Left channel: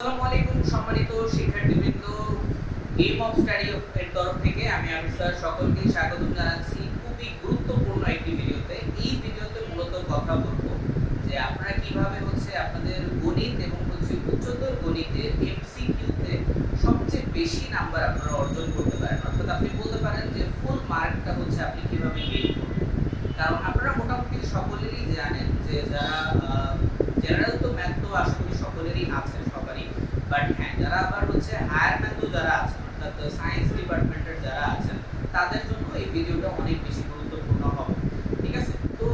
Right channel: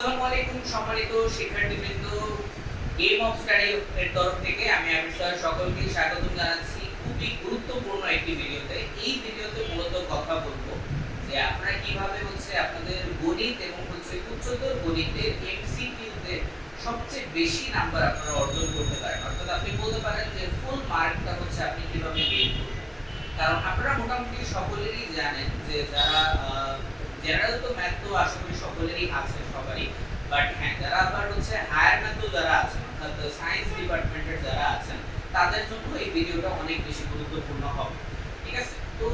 আসসালামু আলাইকুম সম্মানিত শিক্ষার্থীবৃন্দ, গেম অফ স্টাডি এর তরফ থেকে আমি আবির স্যার সকলকে স্বাগতম জানাচ্ছি খুবই গুরুত্বপূর্ণ একটি ভিডিওতে। এই ভিডিওতে মূলত কথা বলবো যে আপনারা কিভাবে আপনাদের গণিত এবং উচ্চতর গণিতের এমসিকিউতে সবচেয়ে বেশি নাম্বার আপনারা অর্জন করতে পারেন, অর্থাৎ আপনি বলতে পারেন যে ফুল মার্কটা আপনি কিভাবে গেইন করবেন। কারণ আপনারা মোটামুটি সকলেরই জানেন যে যারা জেনারেল তো ম্যাথ তো আশা করি সকলেরই আছে সবারই, বাট হ্যাঁ যারা আবার হায়ার ম্যাথ তো যারা আছেন অর্থাৎ সায়েন্স ডিপার্টমেন্টের যারা আছেন তাদের জন্য এই ভিডিওটা অনেক বেশি গুরুত্বপূর্ণ হবে। ঠিক আছে, তো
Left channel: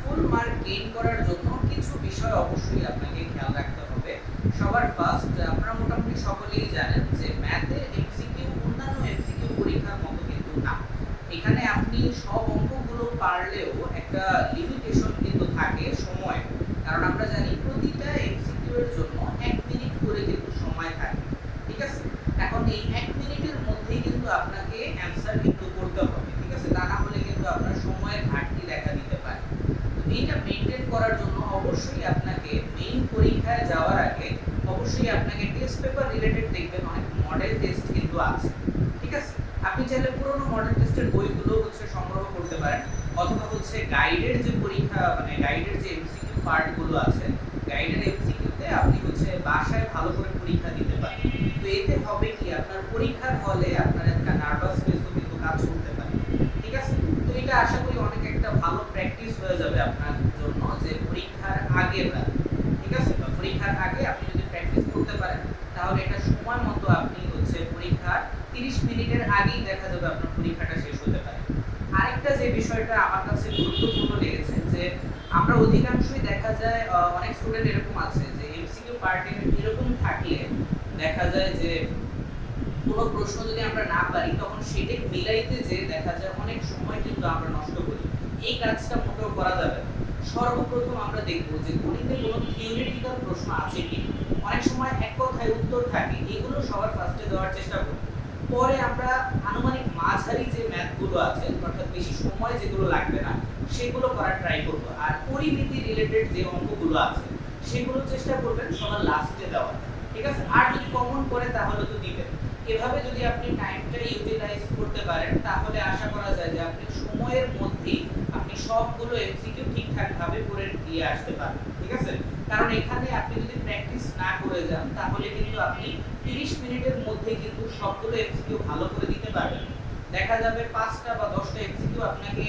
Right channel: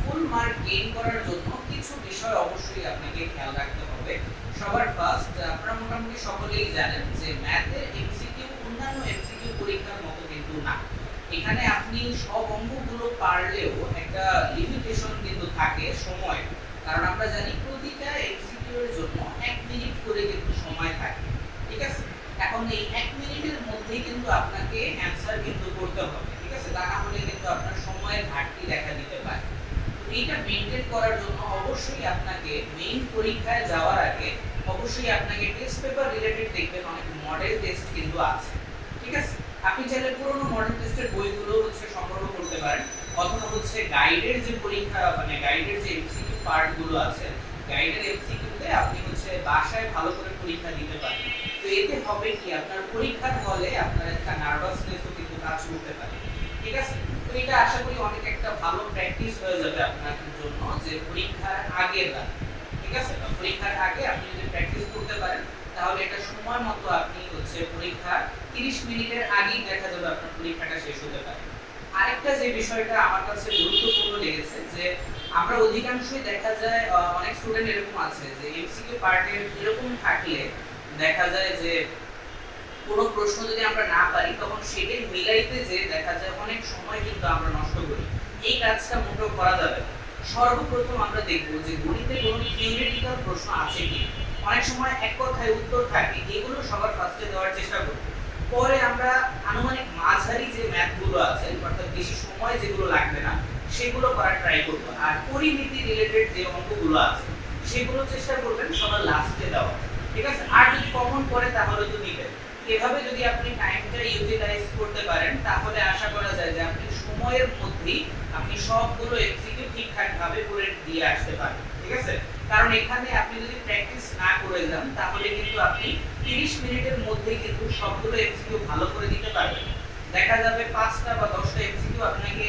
ফুল মার্ক গেইন করার জন্য কিছু বিষয় অবশ্যই আপনাকে খেয়াল রাখতে হবে। সবার ফার্স্ট, আপনারা মোটামুটি সকলেই জানেন যে ম্যাথের এমসিকিউ অন্যান্য এমসিকিউ পরীক্ষার মতো কিন্তু না। এখানে আপনি সব অঙ্কগুলো পারলেও একটা লিমিটেশন কিন্তু থাকে সময়, কারণ আমরা জানি প্রতিটা এমসিকিউ এর জন্য 1 মিনিট করে কিন্তু সময় থাকে। ঠিক আছে, এখন এই 1 মিনিটের মধ্যেই কিন্তু আপনাকে অ্যানসার কিন্তু করতে হবে। ঠিক আছে, তা না হলে কিন্তু আপনার সময়ের ঘাটতি দেখা দিতে পারে। এইটা মেইনটেইন করার জন্য অবশ্যই আপনাকে মেইন পরীক্ষায় যাওয়ার আগে অবশ্যই আপনাকে টেস্ট পেপার রিলেটেড দেখবেন অনেক মডেল টেস্ট কিন্তু আছে। ঠিক আছে, আপনি চাইলে পুরনো মডেল টেস্টের বইগুলো সংগ্রহ করতে পারেন, অথবা গাইডের যে পরীক্ষা মানে গাইডের যে এমসিকিউ পার্ট গুলো আছে গাইডের এমসিকিউতে আপনি বাসায় ভালো করে পরীক্ষা দিতে পারেন। তো এতে হবে কি আপনার পরীক্ষার হলে আপনার একটা নার্ভাসনেসও কিন্তু কাজ করতে পারে। ঠিক আছে, তো এটা আশা করি অনেক একটা ভালো প্র্যাকটিস হয়ে যাবে আপনার জন্য যে পরীক্ষার আগের রাতে। ঠিক আছে, তো পরীক্ষার আগে আপনি যদি প্র্যাকটিস করতে পারেন তাহলে এটা সময় মতো আপনি পরীক্ষার 30 মিনিটের আগেই দেখা যাবে আপনার পরীক্ষাটা শেষ হতে পারে। আরেকটা যে বিষয়টা আমার কাছে গুরুত্বপূর্ণ লেগেছে যে আমরা অধিকাংশই দেখা যায় অনেক স্টুডেন্ট এরকম আছে যে এমসিকিউ পার্টের এরকম থাকলে দেখা যায় যে কোনো প্রশ্ন যদি আমরা না পারি তখন সেটাই মিলাইতে যে দেখা যায় অনেক সময় কিন্তু আমরা নষ্ট করি। এই কাজটা মোটেও করা যাবে না। সর্বপ্রথম আমরা দেখব যে গণিতে কোনো থিওরিটিক্যাল প্রশ্ন আছে কি। অনেক সময় এক কথায় উত্তর থাকে, এগুলো সবার ফার্স্টে দেওয়ার চেষ্টা করব। পরে আমরা আনুমানিক মাঝারি যে ম্যাথগুলো আছে অর্থাৎ বেশি সময় যেগুলো লাগবে না সেগুলো করার ট্রাই করব, আর পরিমিতি রিলেটেড যে অঙ্কগুলো আছে সেগুলো চেষ্টা করবেন সবার লাস্টে দেওয়া। ঠিক আছে, আর যদি কমন করে তাহলে তো দিবেন। এভাবে যদি আপনি টাইমটা ইউটিলাইজ করতে পারেন তাহলে আশা করা যায় যে আপনি সময়ের মধ্যেই আপনি সবগুলো এমসিকিউ ঠিকঠাক ভাবে করে দিয়ে আসতে পারবেন। ঠিক আছে, কারণ এখানে আপনি যদি প্র্যাকটিস না করে যান তাহলে কিন্তু আপনি 30 মিনিটের মধ্যেই কিন্তু সবগুলো এমসিকিউ ভালো করে দিতে পারবেন। দেখা যাবে 5টা বা 10টা এমসিকিউ আপনাকে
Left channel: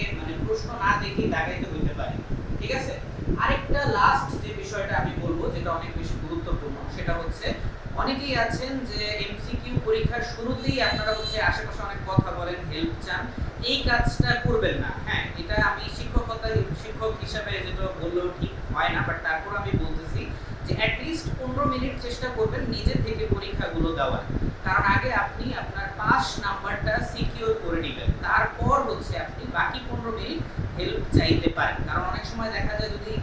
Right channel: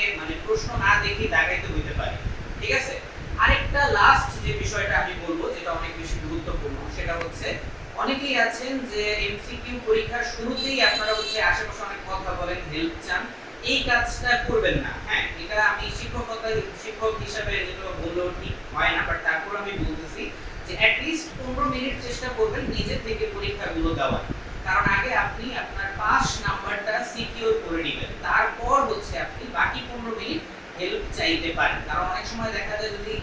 প্রশ্ন না দেখে দাগাইতে হইতে পারে। ঠিক আছে, আরেকটা লাস্ট যে বিষয়টা আমি বলবো যেটা অনেক বেশি গুরুত্বপূর্ণ সেটা অনেকেই আছেন যে এমসিকিউ পরীক্ষার শুরুতেই আপনারা আশেপাশে অনেক কথা বলেন, হেল্প চান। এই কাজটা করবেন না। হ্যাঁ, এটা আমি শিক্ষক হিসেবে যেটা বললেও ঠিক হয় না, বাট তারপর আমি বলতেছি যে অ্যাট লিস্ট 15 মিনিট চেষ্টা করবেন নিজে থেকে পরীক্ষাগুলো দেওয়ার। কারণ আগে আপনি আপনার পাস নাম্বারটা সিকিউর করে নেবেন, তারপর আপনি বাকি 15 মিনিট হেল্প চাইতে পারেন। কারণ অনেক সময় দেখা যায় যদি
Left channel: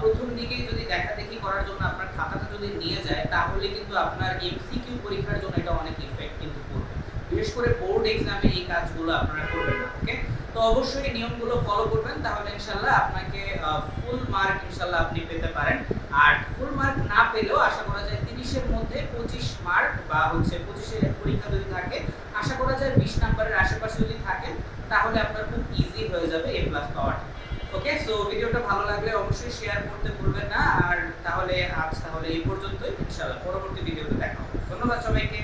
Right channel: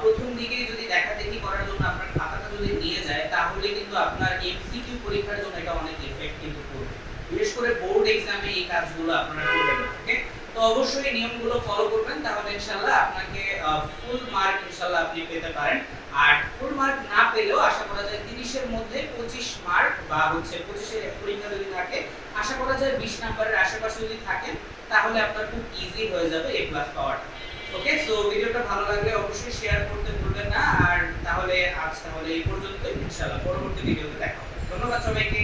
প্রথম দিকেই যদি দেখাদেখি করার জন্য আপনার খাতাটা যদি নিয়ে যায় তাহলে কিন্তু আপনার এমসিকিউ পরীক্ষার জন্য এটা অনেক ইফেক্ট কিন্তু করবে। বিশেষ করে বোর্ড এক্সামে এই কাজগুলো আপনারা করবেন না। ওকে, তো অবশ্যই নিয়মগুলো ফলো করবেন, তাহলে ইনশাআল্লাহ আপনাকে ফুল মার্ক ইনশাআল্লাহ আপনি পেতে পারেন। আর ফুল মার্ক না পেলেও আশা করা যায় 30 এর মধ্যে 25 মার্ক বা 25 এর পরীক্ষা যদি থাকে আশা করা যায় 20 নম্বরের আশেপাশে যদি থাকেন তাহলে আপনার খুব ইজি হয়ে যাবে এ প্লাস পাওয়াটা। ওকে, সো ভিডিওটা ভালো লাগলে অবশ্যই শেয়ার করতে ভুলবেন না। আর তাহলে আজ এই পর্যন্তই, ইনশাআল্লাহ পরবর্তী ভিডিওতে দেখা হবে। ধন্যবাদ সবাইকে।